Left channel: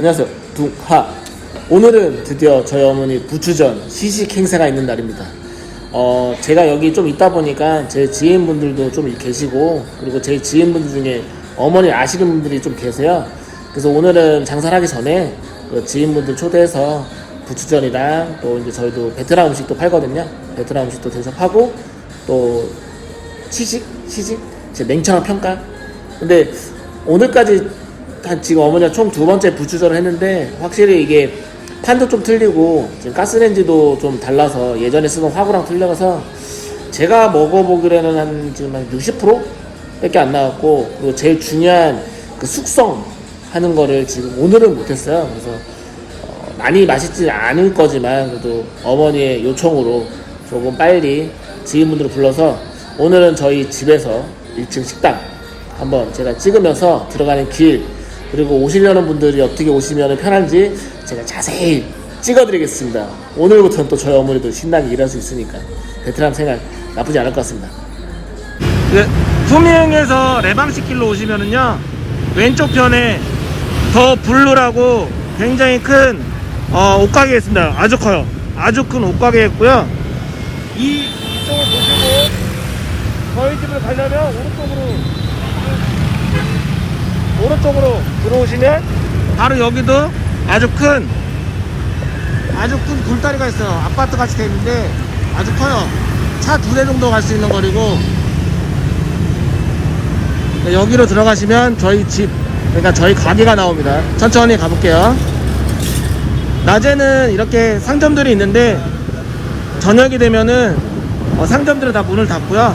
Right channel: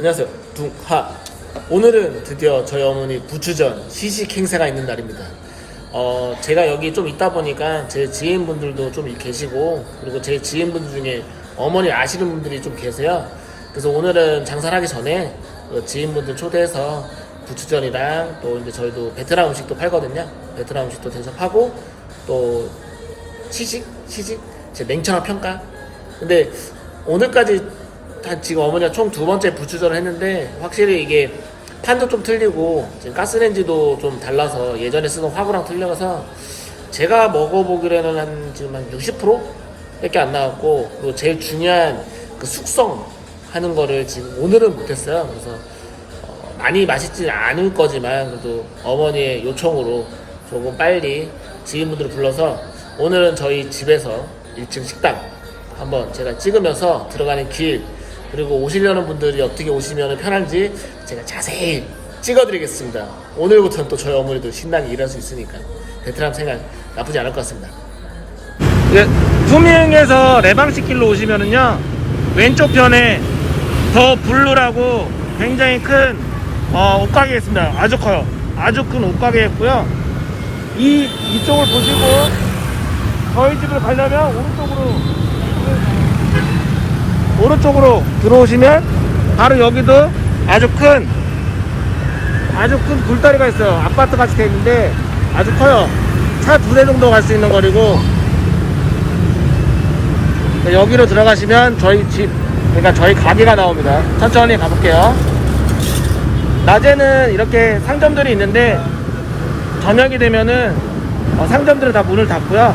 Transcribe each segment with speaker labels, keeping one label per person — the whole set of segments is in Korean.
Speaker 1: 안녕하세요. 둥하. 오늘은 드디어 저희 어머니 부추전 시식 행사가 있는 날입니다. 어, 제가 여기 좀 있다 보니까 제 지인분들도 좀 계시고, 그리고 제 지인분들 중에 어머니 아시는 분들이 좀 계세요. 그래서 오늘은 장사를 하기 전에 그 지인분들 초대해서 부추전이랑 또 이제 저희도 베트남 음식도 팔거든요. 베트남 음식도 대접하고 또 시식? 시식? 제 냉철한 평가? 근데 오늘까지 한 지금 어머니가 총 두 번째 부추전을 했는데 확실히 이게 판도 좀 틀리고 지금 가스레인지도 좀 달라서 예전에 쓰던 화구랑 틀려서 제가 먹어보기로는 한 지금 한 60% 밖에 안 나왔고 그리고 제일 중요한 그 숙성 하는 거를 지금 오늘은 못했어요. 그래서 어, 많이 맛있지 않을 거지만 그래도 어머니의 요청으로 조금 빨리 지인분들을 불러서 오늘은 저희 집에서 1층 식당 한번 제가 찍으면서 들어가는 길 그리고 오시려는 분들이 어떻게 오시면 편한지 제가 자세히 찍어드리겠습니다. 오늘부터는 또 저희 어머니도 신나게 일할 수 있으니까 베트남 생활 나쁘지 않을 것 같습니다. 예, 소미행에서 레방식 길로 오시면은요 왼쪽 편에 더 블루라고 굉장히 큰 어, 옷가게 있습니다. 아주 커요. 아주 큰 옷가게 있고요. 이 이쪽을 보시면 저희 집을 가려면 오른쪽으로 오른쪽으로 들어오시면 바로 여기도 아주 큰 아주 큰 굴다리가 있어요. 아파트 같이 돼 있는데 아주 커요. 차 두 대 정도 갈 수 있는 거리고 네, 여기로 들어가시면 저희 집 그러니까 저희 가게가 나옵니다. 천천히 가볼게요. 낮에는 이렇게 상점들이 있는데 저녁이 되면은 어, 상점들은 다 문을 닫고요.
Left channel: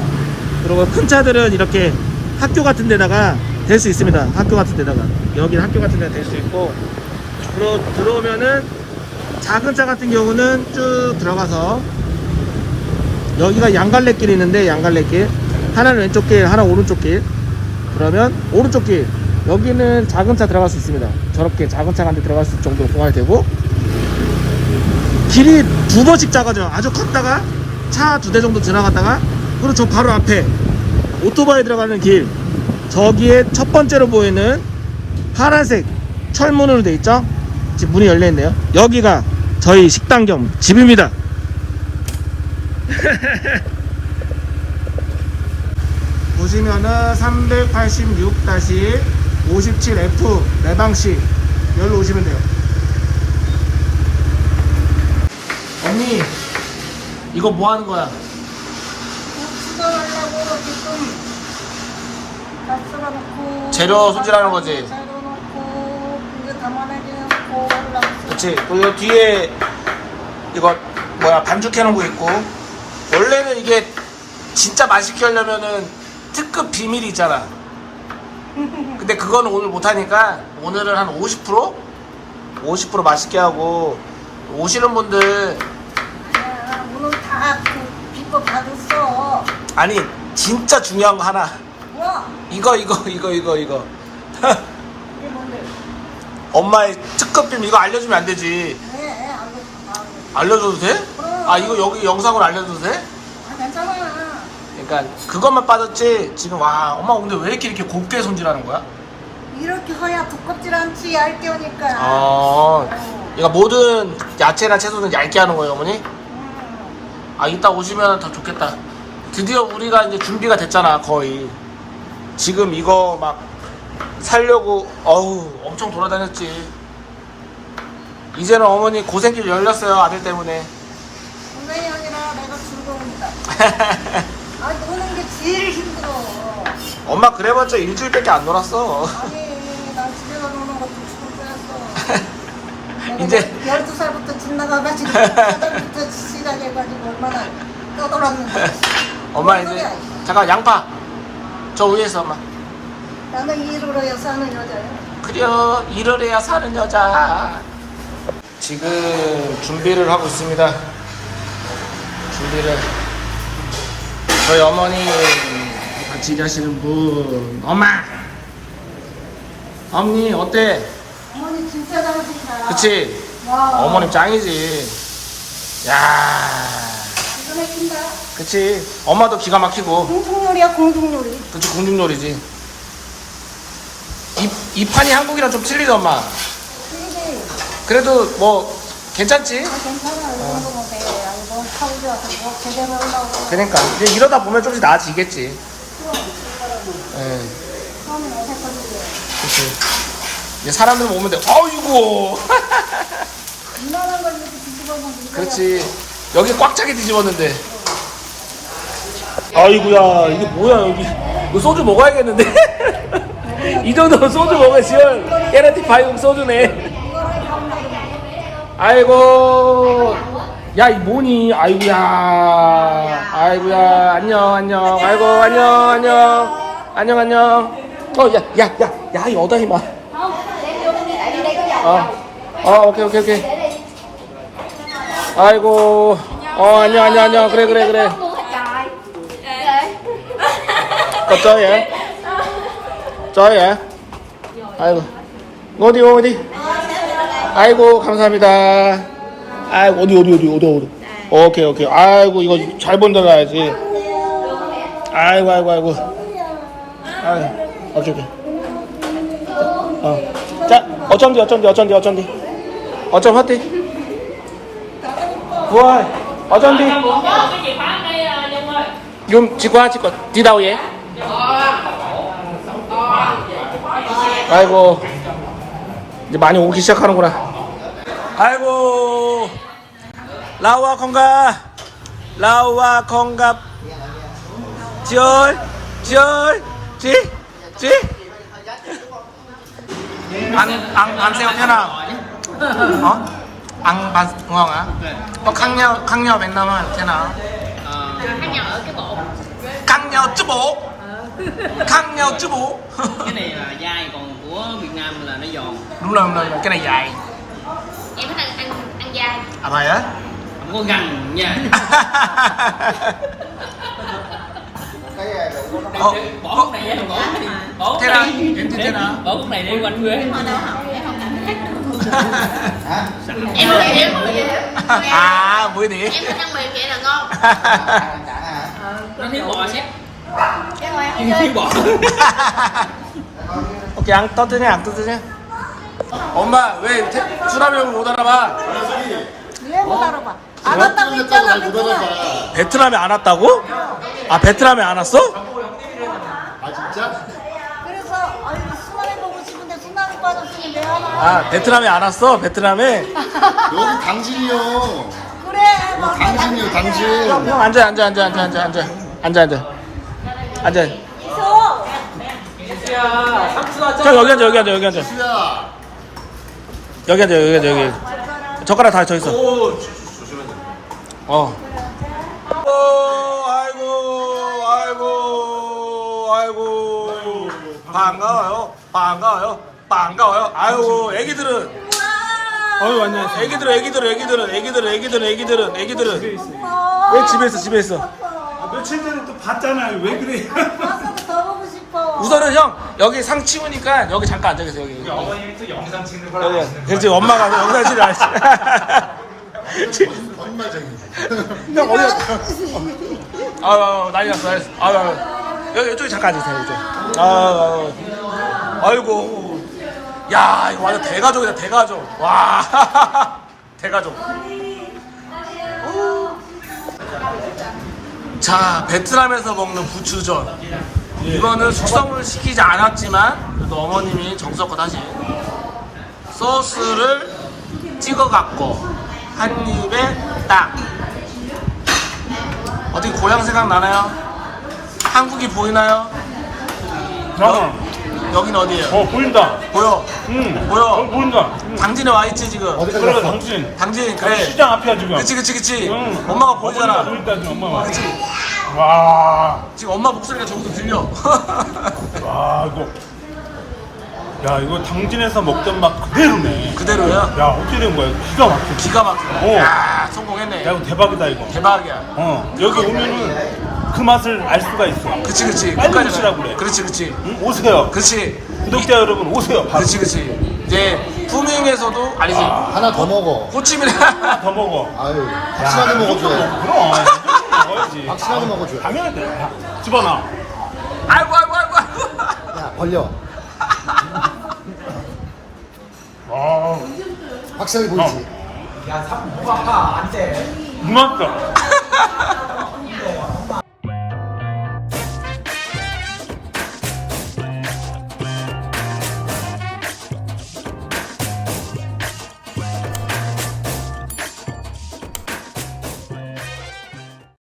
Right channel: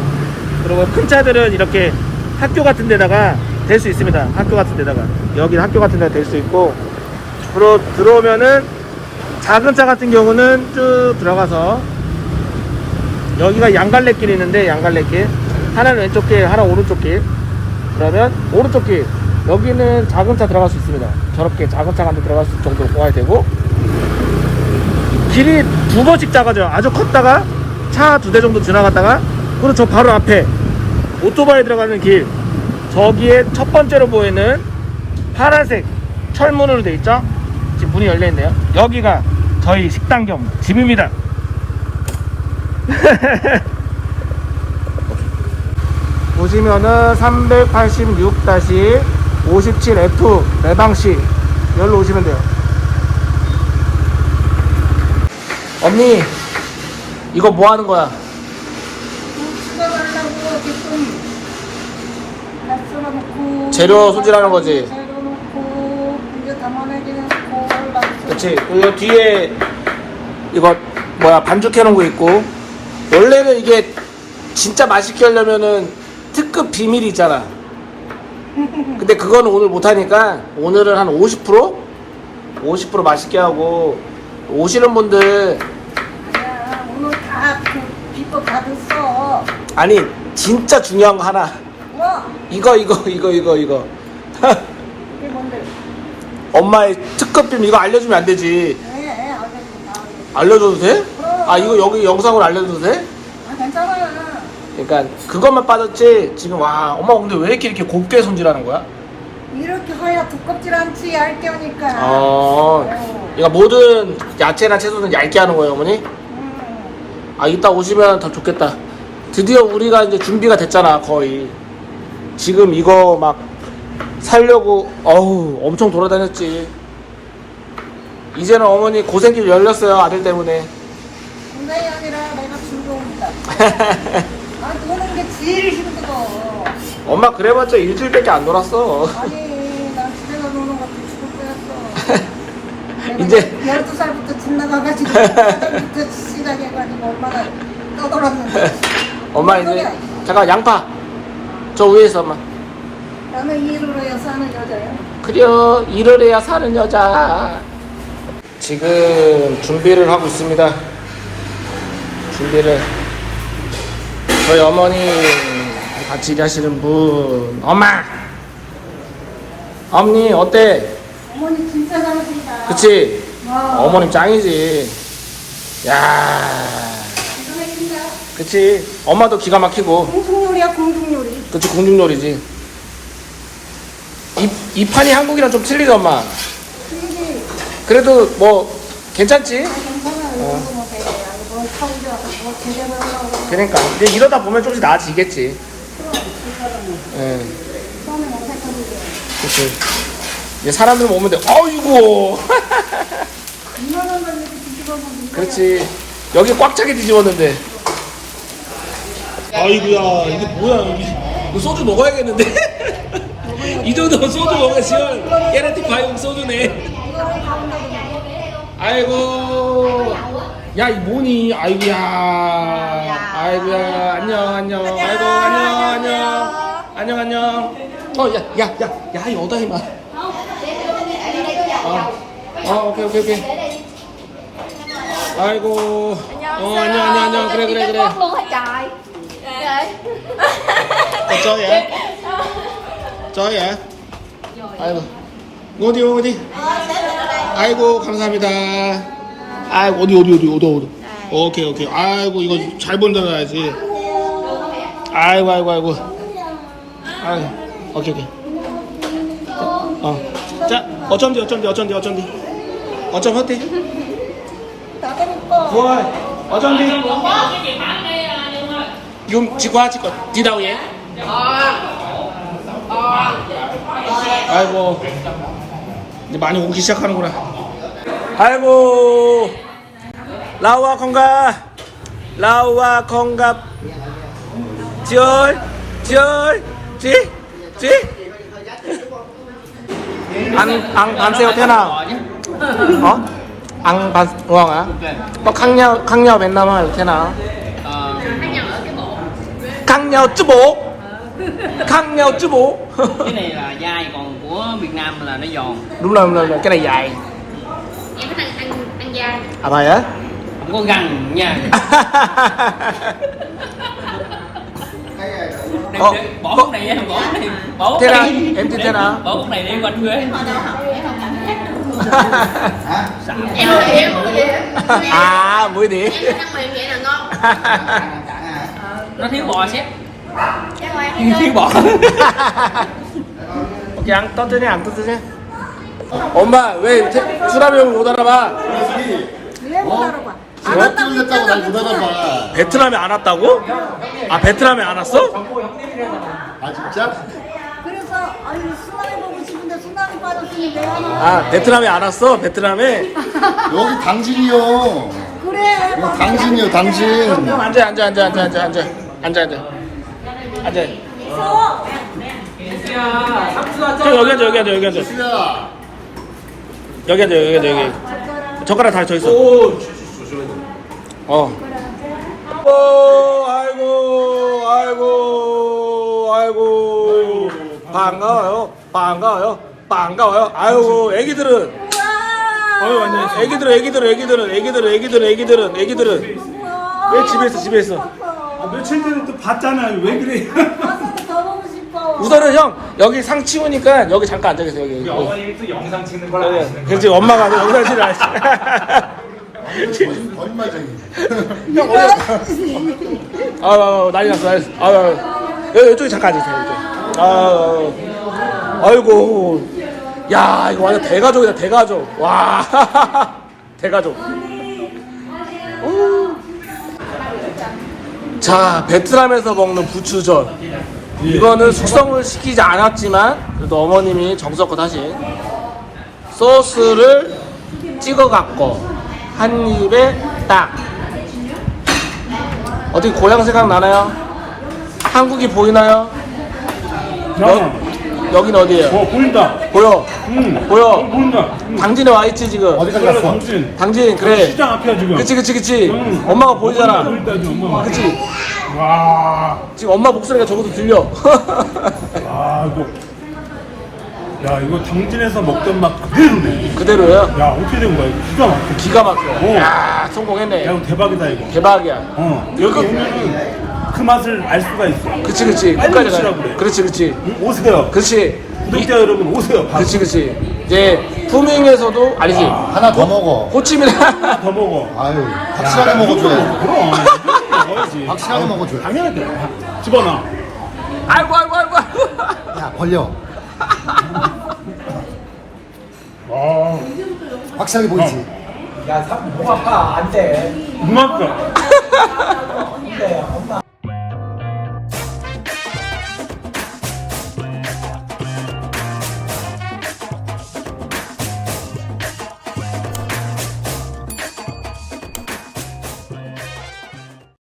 Speaker 1: 그리고 큰 차들은 이렇게 학교 같은 데다가 댈수 있습니다. 학교 같은 데다가. 여기 학교 같은 데다 댈수 있고. 들어, 들어오면은 작은 차 같은 경우는 쭉 들어가서 여기가 양갈래길이 있는데 양갈래길. 하나는 왼쪽 길, 하나 오른쪽 길. 그러면 오른쪽 길. 여기는 작은 차 들어갈 수 있습니다. 저렇게 작은 차한대 들어갈 수 있을 정도로 공간이 되고 길이 두 번씩 작아져요. 아주 컸다가 차 두 대 정도 지나갔다가 그리고 저 바로 앞에 오토바이 들어가는 길 저기에 첫 번째로 보이는 파란색 철문으로 돼 있죠? 지금 문이 열려 있네요. 여기가 저희 식당 겸 집입니다. 보시면은 386-57F 매방시 열로 오시면 돼요. 언니 이거 뭐 하는 거야?
Speaker 2: 수정하려고 지금 밥 썰어놓고
Speaker 1: 재료 손질하는 거지?
Speaker 2: 재료 넣고 이제 담아내기 올라가서
Speaker 1: 그치 그리고 뒤에 이거 뭐야 반죽해 놓은 거 있고 원래는 이게 진짜 맛있게 하려면은 특급 비밀이 있잖아 근데 그거는 오늘 못하니까 오늘은 한 50%? 50% 맛있게 하고 오시는 분들
Speaker 2: 야, 오늘 다 그 비법 받았어
Speaker 1: 아니 진짜 중요한 거 하나
Speaker 2: 뭐?
Speaker 1: 이거 이거 이거 이거 이거
Speaker 2: 이게 뭔데?
Speaker 1: 엄마의 특급 비밀 이거 알려주면 안 되지
Speaker 2: 네, 알겠어 다
Speaker 1: 알려줘도 돼? 아 이거 여기 영상으로 알려줘도 돼?
Speaker 2: 아 괜찮아
Speaker 1: 그러니까 그것만 빠졌지 지금 와 엄마 근데 왜 이렇게 이렇게 곱게 손질하는 거야?
Speaker 2: 이렇게 허야 두껍질 않지 얇게 하니까
Speaker 1: 어 그러니까 모든 야채나 채소는 얇게 하는 거예요 어머니?
Speaker 2: 음.
Speaker 1: 아 이따 오시면 더 좋겠다 드디어 우리가 이제 준비가 됐잖아 거의 지금 이거 막 살려고 어우 엄청 돌아다녔지. 이제는 어머니 고생길 열렸어요 아들 때문에.
Speaker 2: 군대이 아니라 내가 즐거운다. 아 노는 게 제일 힘들어.
Speaker 1: 엄마 그래봤자 일주일밖에 안 놀았어.
Speaker 2: 아니 난 집에 가 노는 것도 죽을 뻔했어
Speaker 1: 이제-
Speaker 2: 12살부터 집 나가가지고 12살부터 시작해가지고 얼마나 떠돌았는데.
Speaker 1: 엄마 이제 잠깐 양파 저 위에서 엄마
Speaker 2: 나는 일을 해야 사는 여자야
Speaker 1: 그려 일을 해야 사는 여자. 지금 준비를 하고 있습니다. 준비를. 저희 어머니 같이 일하시는 분. 엄마! 어머니 어때?
Speaker 2: 어머니 진짜 잘하신다.
Speaker 1: 그치?
Speaker 2: 와,
Speaker 1: 어머니 짱이지. 야 그치 엄마도 기가 막히고
Speaker 2: 공중 요리야 공중 요리
Speaker 1: 그치 공중놀이지 이, 이 판이 한국이랑 좀 틀리다 엄마
Speaker 2: 근데
Speaker 1: 그래도 뭐 괜찮지?
Speaker 2: 괜찮아요. 뭐 되게 뭐 서울에 와서 뭐 제대로 하려고
Speaker 1: 그러니까 이제 이러다 보면 조금씩 나아지겠지. 예,
Speaker 2: 처음엔 어색하는데
Speaker 1: 그렇지. 이제 사람들 오면 돼. 어이구.
Speaker 2: 걸 뒤집어 보면
Speaker 1: 그렇지. 여기 꽉 차게 뒤집었는데. 아이구야, 이게 뭐야, 여기. 이거 소주 먹어야겠는데? 이 정도면 소주 시원. 깨라티 바이옴 소주네. 아이고. 야, 이 뭐니? 아이구야. 아이구야. 안녕, 안녕. 아이고, 안녕, 안녕. 안녕, 안녕. 어, 야, 야, 야, 야, 여다이 마. 어, 어, 오케이, 오케이, 오케이. 아이고. 어, 안녕, 안녕, 안녕. 그래, 그래, 그래. Chơi vậy? chơi vậy? 아이고. 어디, 어디? 아이고, 감사합니다. 아이고, 어디, 어디, 어디, 어디, 어디. 오케이, 오케이. 아이고, 이거 잘 본다놔야지. 아이고, 아이고, 아이고. 아이고, 오케이, 오케이. 어. 자, 어쩐디, 어쩐디, 어쩐디, 어쩐디. 어쩜 하대? 부활, 어쩐디? Vậy? 아이고. 이제 많이 오기 시작하는구나. 아이고. 라우아 건가? 라우아 건가? 지얼 지얼 지지? 안안 안세요 태나. 어? 안반 뭐야? 뭐 강녀 강녀 맨날 말 태나. 아. 강녀 쯔복. Khác nhau chứ bộ.
Speaker 3: Cái này là dai còn của Việt Nam là nó giòn.
Speaker 1: Đúng rồi, đúng rồi cái này dài.
Speaker 4: Em thích ăn ăn ăn dai.
Speaker 1: À vậy á?
Speaker 3: Không có găng nha.
Speaker 1: Ồ,
Speaker 3: bỏ
Speaker 1: có-
Speaker 3: cái này em bỏ cái này bỏ
Speaker 1: Thế nào?
Speaker 3: này.
Speaker 1: Em thế nào?
Speaker 3: bỏ cái này em quanh quê.
Speaker 4: Em em em
Speaker 1: à mũi điện
Speaker 4: thích ăn mềm vậy là ngon.
Speaker 3: Nó thiếu bò xét thiếu bò
Speaker 1: 오케이 안 떠드냐 안 떠드냐 엄마 왜 테, 수라병을 못 알아봐?
Speaker 2: 왜못 알아봐?
Speaker 5: 베트남 됐다고 날 못하는
Speaker 1: 베트남에 안 왔다고? 아 베트남에 안 왔어?
Speaker 5: 아 진짜?
Speaker 2: 그래서 아유 수나미 보고 싶은데 수나미 빠졌으니 왜 하냐
Speaker 1: 아 베트남에 안 왔어? 베트남에?
Speaker 5: 여기 당진이요.
Speaker 2: 그래
Speaker 5: 당진이요 당진.
Speaker 1: 형 앉아 앉아 앉아 앉아 앉아 앉아 앉아 앉아 앉아. 형 여기 앉아 여기 앉아 여기 앉아 여기 앉아 여기 앉아 여기 앉아. 젓가락 다 저기 있어. 오, 조심해. 어. 아이고, 아이고, 아이고, 아이고. 반가워요, 반가워요, 반가워요. 아이고, 애기들은, 어, 애기들은, 애기들은, 애기들은, 애기들은, 애기들은, 애기들은, 애기들은. 왜 집에 있어, 집에 있어?
Speaker 6: 며칠 전 봤잖아요. 왜 그래?
Speaker 2: 가서 더 보고 싶어
Speaker 1: 우선은 형 여기 상 치우니까 여기 잠깐 앉아 계세요 여기 여기
Speaker 6: 어머님이 또 영상 찍는 걸 아시는
Speaker 1: 여기 지금 엄마가 영상 찍을 안 했어 형 어디 아, 아, 난리 났어, 난리 났어. 아, 아, 여기, 이쪽에 잠깐 앉으세요, 이쪽. 아, 아, 아이고. 야, 이거 완전 대가족이다, 대가족. 와, 대가족. 오. 자, 베트남에서 먹는 부추전. 이거는 숙성을 시키지 않았지만, 그래도 어머님이 정성껏 하신 소스를 찍어갖고, 한 입에 딱. 어떻게 고향 생각 나나요? 한국이 보이나요?
Speaker 6: 자,
Speaker 1: 여긴 어디예요?
Speaker 6: 어 보인다.
Speaker 1: 보여.
Speaker 6: 응. 어
Speaker 1: 보여.
Speaker 6: 보인다. 응.
Speaker 1: 당진에 와 있지 지금.
Speaker 6: 그래 당신.
Speaker 1: 당진 그래.
Speaker 6: 시장 앞이야 지금.
Speaker 1: 그치 그치 그치.
Speaker 6: 응.
Speaker 1: 엄마가 보이잖아.
Speaker 6: 보인다 지금 엄마.
Speaker 1: 그치.
Speaker 6: 와,
Speaker 1: 지금 엄마 목소리가 저기서 들려.
Speaker 6: 와 이거. 야 이거 당진에서 먹던 맛 그대로네.
Speaker 1: 그대로야.
Speaker 6: 야 어떻게 된 거야? 기가 막혀.
Speaker 1: 기가 막혀.
Speaker 6: 오. 야야
Speaker 1: 성공했네.
Speaker 6: 이거 대박이다 이거.
Speaker 1: 대박이야.
Speaker 6: 어 여기 오면은 그 맛을 알 수가 있어.
Speaker 1: 그치 그치.
Speaker 6: 빨리
Speaker 1: 끝까지
Speaker 6: 오시라고
Speaker 1: 가야
Speaker 6: 그래.
Speaker 1: 그렇지 그치.
Speaker 6: 응? 오세요.
Speaker 1: 그치.
Speaker 6: 구독자 여러분 오세요. 바로.
Speaker 1: 그치 그치. 이제 푸밍에서도 아니지.
Speaker 5: 하나 더 먹어
Speaker 1: 호치민에
Speaker 6: 더 먹어.
Speaker 5: 아유
Speaker 6: 야,
Speaker 5: 같이
Speaker 6: 이 정도
Speaker 5: 먹어줘
Speaker 6: 먹어. 그럼. 이 정도 먹어야지.
Speaker 5: 같이 먹어줘
Speaker 6: 당연하게. 집어넣어.
Speaker 1: 아이고 아이고 아이고. 아이고.
Speaker 5: 벌려
Speaker 6: 아,
Speaker 7: 확실하게 보이지?
Speaker 6: 고맙다.